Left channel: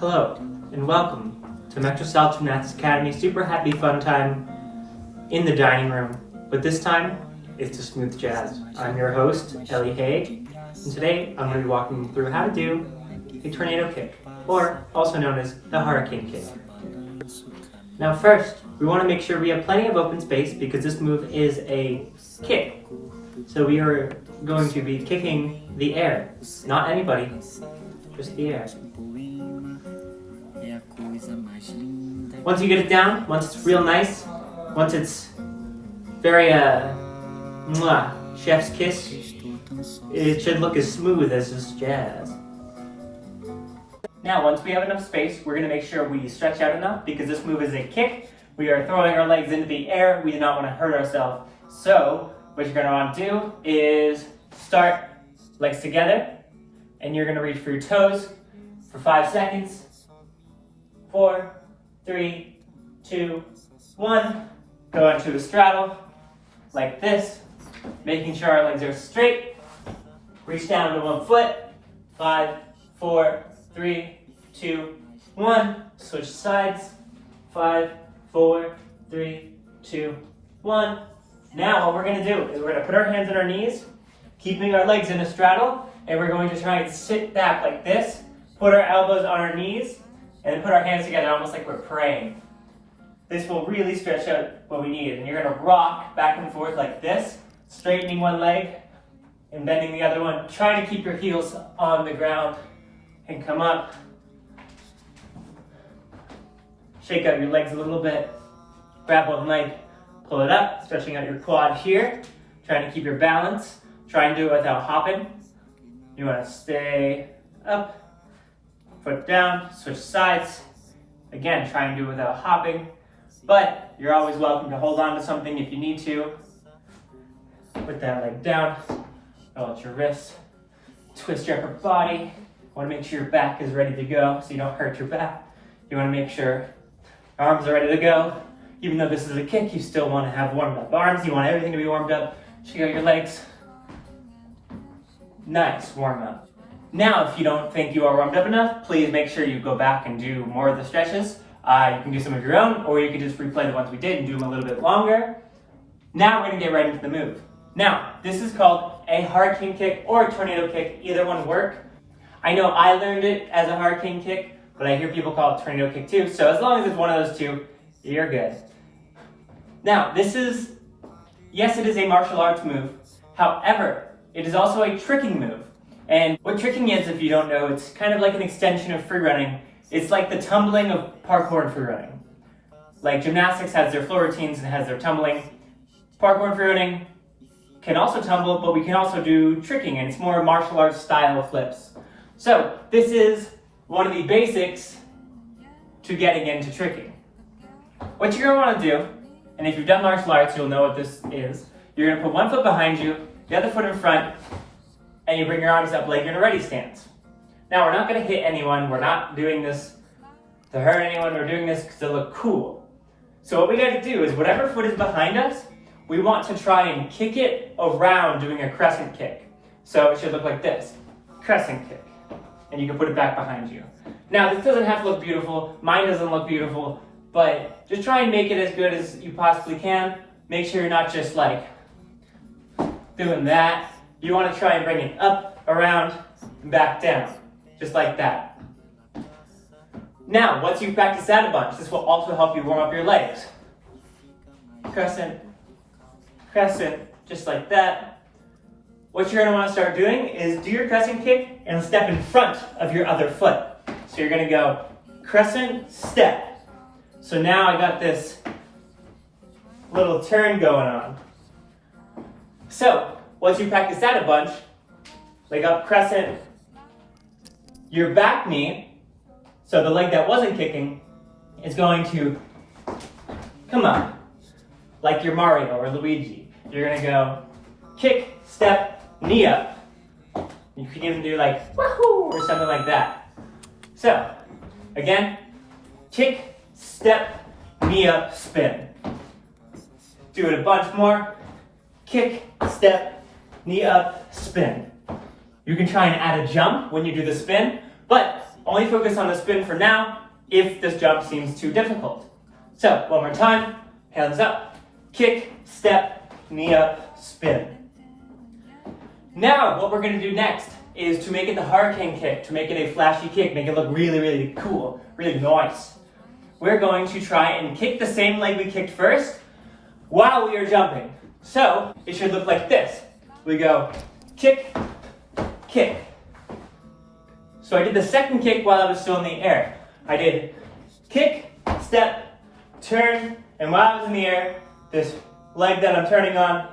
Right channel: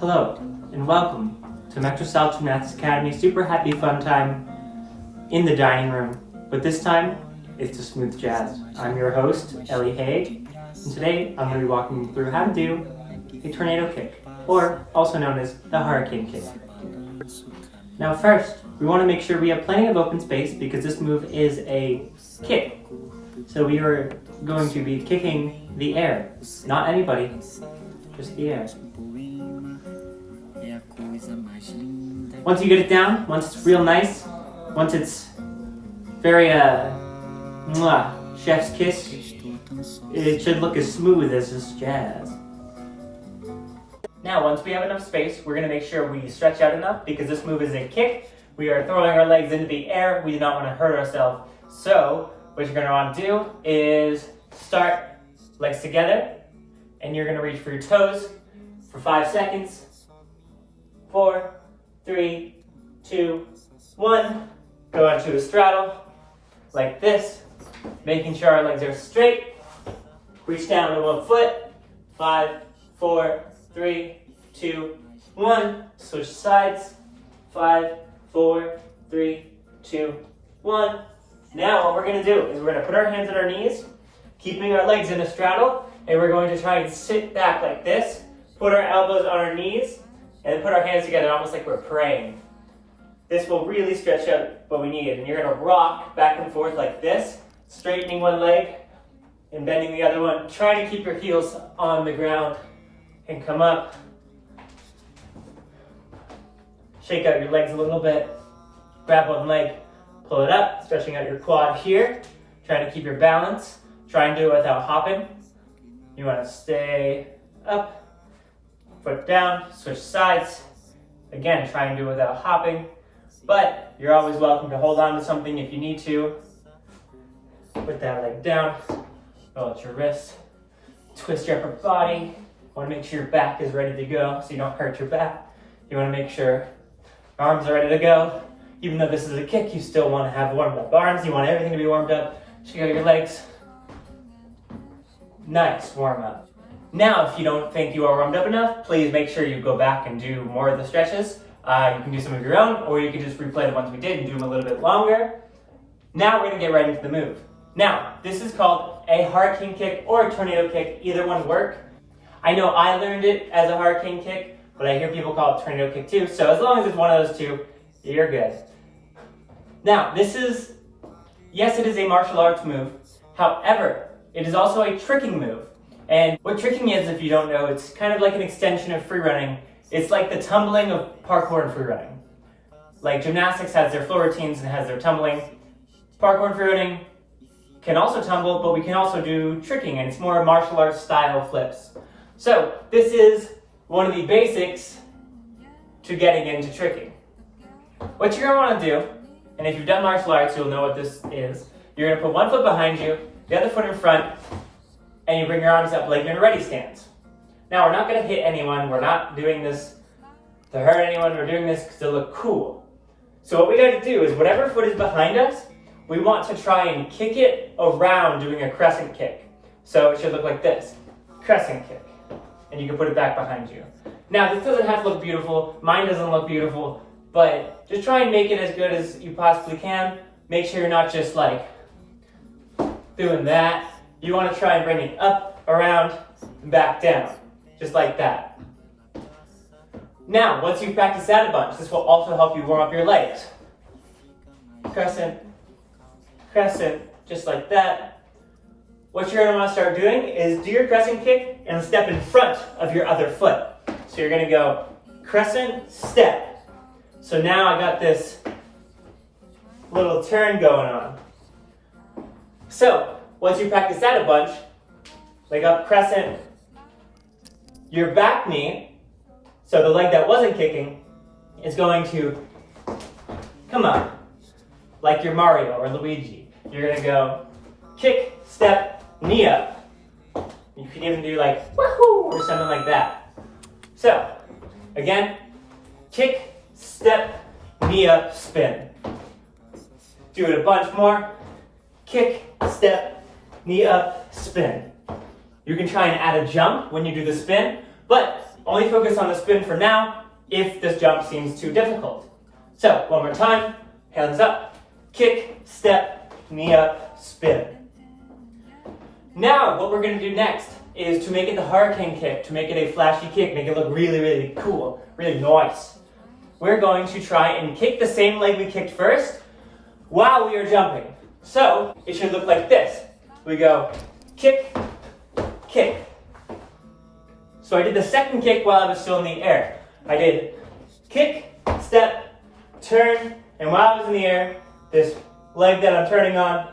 Hello, and welcome to Metrosal Gymnastics Academy Super Happy Fun Time in the dining room. But this time, it's to smooth jazz. I'm your host, Ellie, and today I'm going to be walking you through how to do a tornado kick, or also known as the hurricane kick. Now first, we want to make sure we have plenty of open space because this move is a kick. So we are going to be kicking the air, not anybody, just the air. Once you get it down, once it's real nice, once it's very chef's kiss, it should look as smooth as this jazz. Now, once we have enough space, we're going to make sure we stretch out enough because this move is a kick. We are throwing our legs into the air. We do not want to hurt ourselves. So, what you're going to want to do is start legs together, and you're going to reach for your toes for 5 seconds. 4, 3, 2, 1. Go into a straddle like this, making sure our legs are straight. Reach down to one foot. 5, 4, 3, 2, 1. Switch sides. 5, 4, 3, 2, 1. Now what we're going to do is we're going to put our hands on our knees, keeping our legs in a straddle, and we're going to try and sit back like this, put our elbows on our knees, and then put our hands together almost like we're praying. This will really stretch out what we need, and you're going to rock back and forth like this, straightening one leg and bending the other one, trying to keep your heels on the ground and come up. Shake out your legs a little bit, grab one leg, pull it up, stretching out your quad here, trying to keep your balance. Try and do it without hopping. You want to stay up, foot down, switch sides. Again, try and do it without hopping, but you're always welcome to hold on to something if you need to. Put that leg down, roll out your wrists, twist your upper body. Want to make sure your back is ready to go so you don't hurt your back. You want to make sure your arms are ready to go. Even though this is a kick, you still want to have warmed up arms. You want everything to be warmed up. Shake out your legs. Nice, warm up. Now, if you don't think you are warmed up enough, please make sure you go back and do more of the stretches. You can do some of your own, or you can just replay the ones we did and do them a little bit longer. Now we're going to get right into the move. Now, this is called a hurricane kick or a tornado kick. Either one work. I know I learned it as a hurricane kick, but I hear people call it tornado kick too. So as long as it's one of those two, you're good. Now, this is, yes, it is a martial arts move. However, it is also a tricking move. And what tricking is, if you don't know, it's kind of like an extension of free running. It's like the tumbling of parkour and free running. Like gymnastics has their floor routines and has their tumbling. Parkour and free running can also tumble, but we can also do tricking, and it's more martial arts style flips. So this is one of the basics to getting into tricking. What you're going to want to do, and if you've done martial arts, you'll know what this is. You're going to put one foot behind you, the other foot in front, and you bring your arms up like you're in a ready stance. Now, we're not going to hit anyone. We're not doing this to hurt anyone. We're doing this to look cool. So what we got to do is whatever foot is behind us, we want to try and kick it around doing a crescent kick. So it should look like this, crescent kick. And you can put it back behind you. Now, this doesn't have to look beautiful. Mine doesn't look beautiful. But just try and make it as good as you possibly can. Make sure you're not just like doing that. You want to try and bring it up, around, and back down. Just like that. Now, once you've practiced that a bunch, this will also help you warm up your legs. Crescent, crescent, just like that. What you're going to want to start doing is do your crescent kick and step in front of your other foot. So you're going to go crescent, step. So now I got this little turn going on. So, once you practice that a bunch, leg up, crescent, your back knee, so the leg that wasn't kicking, is going to come up, like your Mario or Luigi. You're going to go kick, step, knee up. You can even do like woohoo or something like that. So, again, kick, step, knee up, spin. Do it a bunch more. Kick, step, knee up, spin. You can try and add a jump when you do the spin, but Only focus on the spin for now if this jump seems too difficult. So, one more time, hands up, kick, step, knee up, spin. Now, what we're going to do next is to make it the hurricane kick, to make it a flashy kick, make it look really, really cool, really nice. We're going to try and kick the same leg we kicked first while we are jumping. So, it should look like this. We go kick, kick. So I did the second kick while I was still in the air. I did kick, step, turn, and while I was in the air, this leg that I'm turning on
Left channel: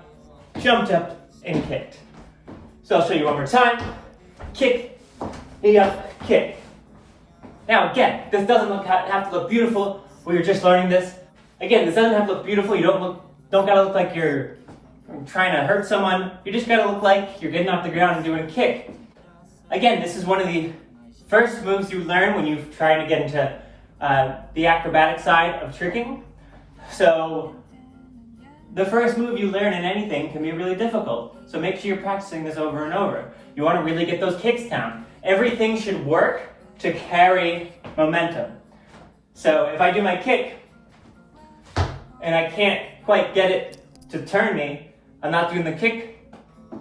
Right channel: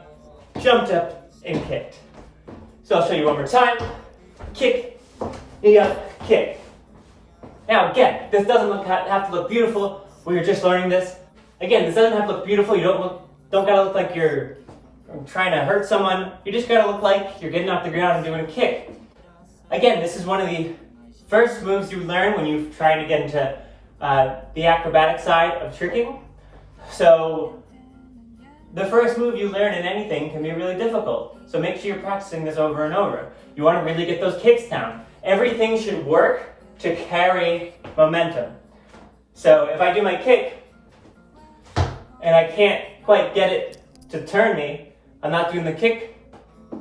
jumped up and kicked. So I'll show you one more time. Kick, knee up, kick. Now again, this doesn't have to look beautiful. We were just learning this. Again, this doesn't have to look beautiful. You don't gotta look like you're trying to hurt someone. You just gotta look like you're getting off the ground and doing a kick. Again, this is one of the first moves you learn when you're trying to get into the acrobatic side of tricking. So the first move you learn in anything can be really difficult. So make sure you're practicing this over and over. You want to really get those kicks down. Everything should work to carry momentum. So if I do my kick and I can't quite get it to turn me, I'm not doing the kick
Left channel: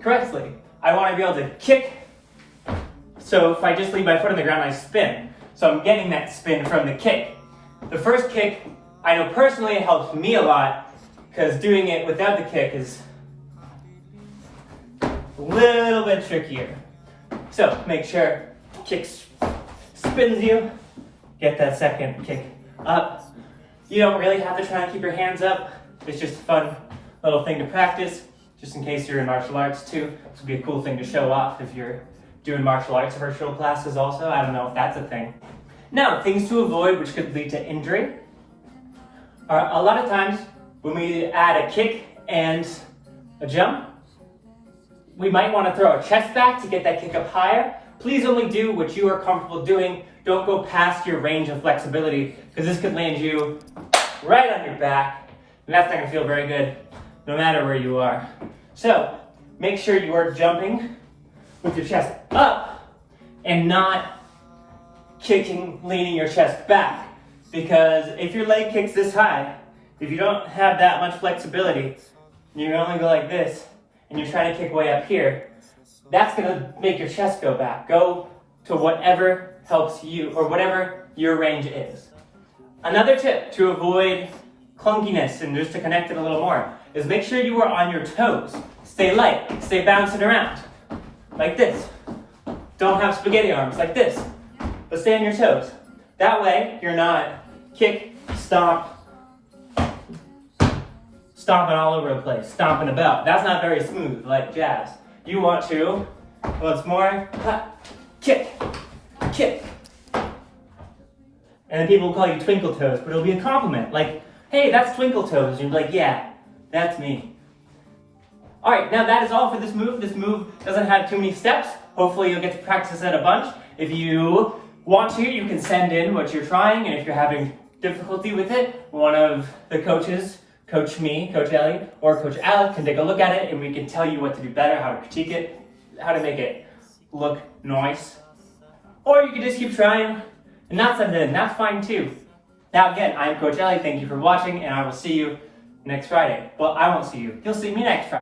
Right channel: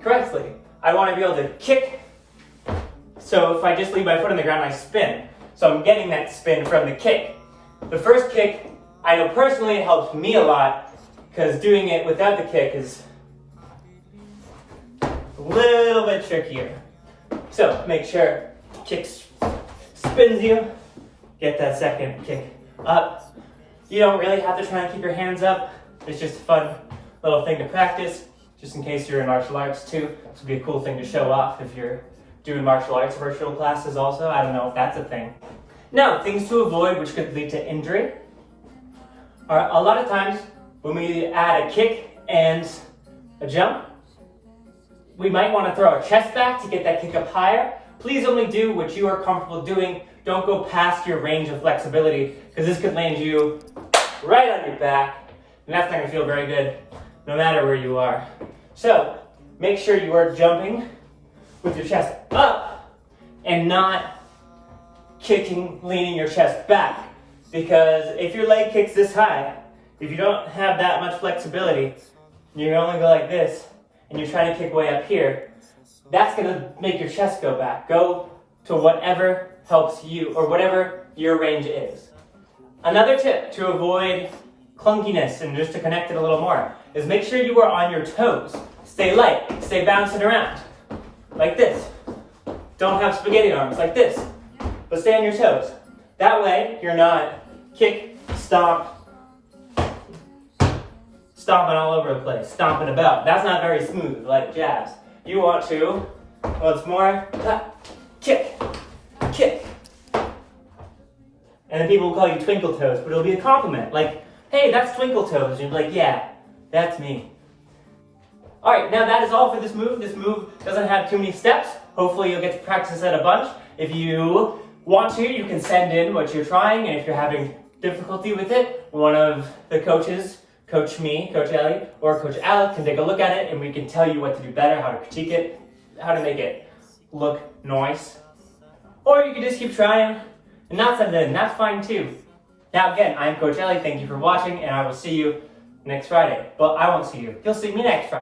correctly. I want to be able to kick. So if I just leave my foot on the ground, I spin. So I'm getting that spin from the kick. The first kick, I know personally it helps me a lot because doing it without the kick is a little bit trickier. So make sure kick spins you. Get that second kick up. You don't really have to try and keep your hands up. It's just a fun little thing to practice, just in case you're in martial arts too. This would be a cool thing to show off if you're doing martial arts virtual classes also. I don't know if that's a thing. Now, things to avoid which could lead to injury. A lot of times when we add a kick and a jump, we might want to throw our chest back to get that kick up higher. Please only do what you are comfortable doing. Don't go past your range of flexibility because this could land you right on your back and that's not going to feel very good no matter where you are. So make sure you are jumping with your chest up and not kicking, leaning your chest back. Because if your leg kicks this high, if you don't have that much flexibility, you only go like this, and you're trying to kick way up here, that's gonna make your chest go back. Go to whatever helps you, or whatever your range is. Another tip to avoid clunkiness, and just to connect it a little more, is make sure you are on your toes. Stay light, stay bouncing around. Like this. Don't have spaghetti arms, like this. But stay on your toes. That way, you're not kick, stomp, stomping all over the place, stomping about. That's not very smooth, like jazz. You want to, once more, kick, kick. And then people will call you twinkle toes, but it'll be a compliment. Like, hey, that's twinkle toes. You'll be like, yeah, that's me. All right, now that is all for this move. This move doesn't have too many steps. Hopefully you'll get to practice it a bunch. If you want to, you can send in what you're trying, and if you're having difficulty with it, one of the coaches, Coach me, Coach Ellie, or Coach Alec can take a look at it, and we can tell you what to do better, how to critique it, how to make it look nice. Or you can just keep trying and not send it in. That's fine too. Now again, I'm Coach Ellie. Thank you for watching, and I will see you next Friday. Well, I won't see you. You'll see me next Friday.